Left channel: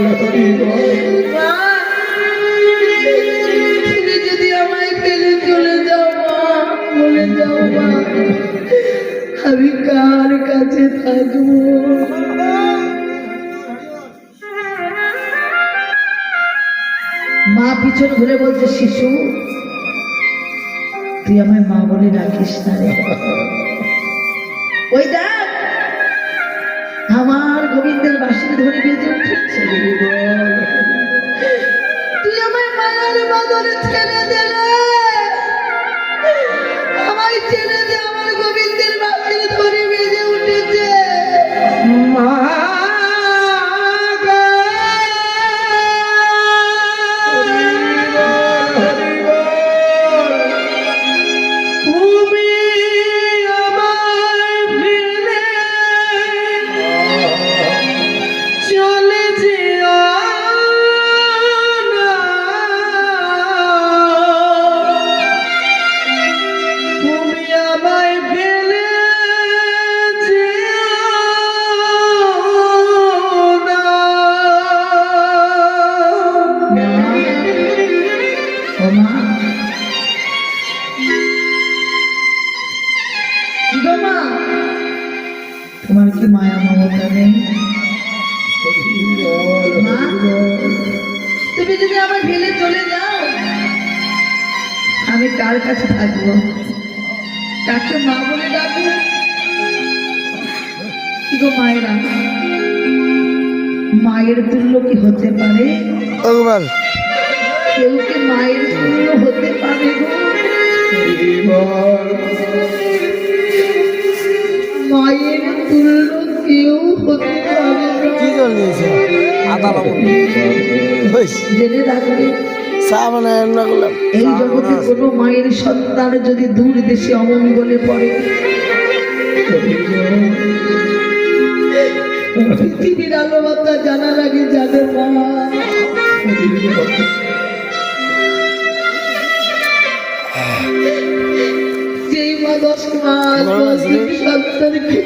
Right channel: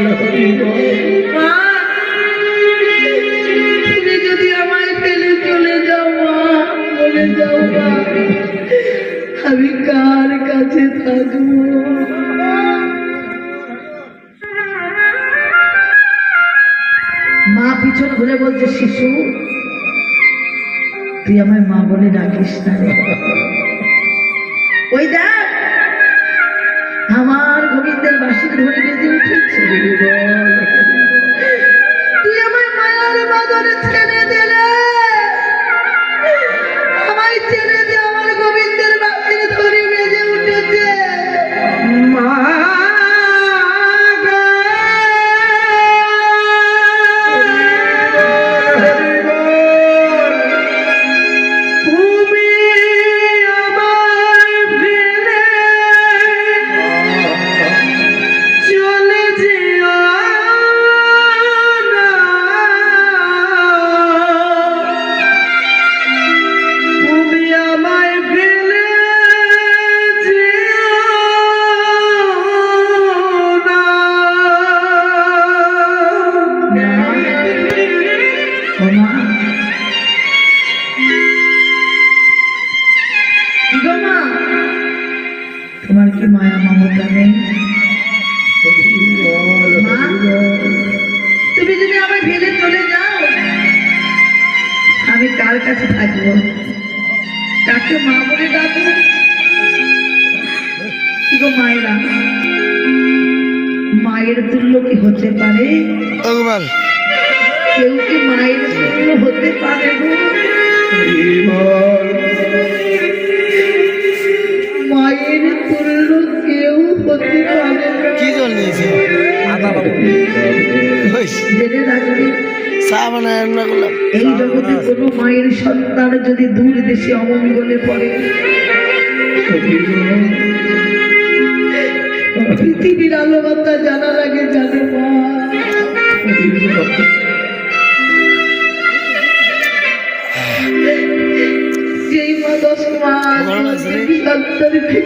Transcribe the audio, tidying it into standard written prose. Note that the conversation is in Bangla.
মা, তুমি যদি আমায় ফেলে চলে যাও মা, চলে যাও মা, আমি কার কাছে থাকবো? মা পিছন ঘুরে বলছে, শিশু তুই আমায় মা বলে ডাকিস না রে। ওই দেখ আমার গোবিন্দের বাঁশির ধরে বেজে উঠেছে। তুই আমায় মায়ার বাঁধনে ছেড়ে দিলে, আমায় ছেড়ে দে, আমার গোবিন্দের বাঁশির ধরে বেজে উঠেছে। মা তোমার কি মায়া মমতা নেই? তুমি যদি আমায় ফেলে চলে যাও, আমি কার কাছে থাকবো? কাকে মা বলে ডাকবো? কি গো মায়েরা, মায়ের তুল্য কি হতে পারে? কেউ কি মায়ের তুল্য হতে পারে গো? মায়ের তুল্য কেউ হতে পারে না। জেনে রাখবি, এই জগতে কোনো মায়ের সন্তান যদি দূর দেশে অমঙ্গলে পড়ে, পৃথিবীর আলো বাতা জানার আগে জানে মা। যেই মা 10 মাস সন্তানকে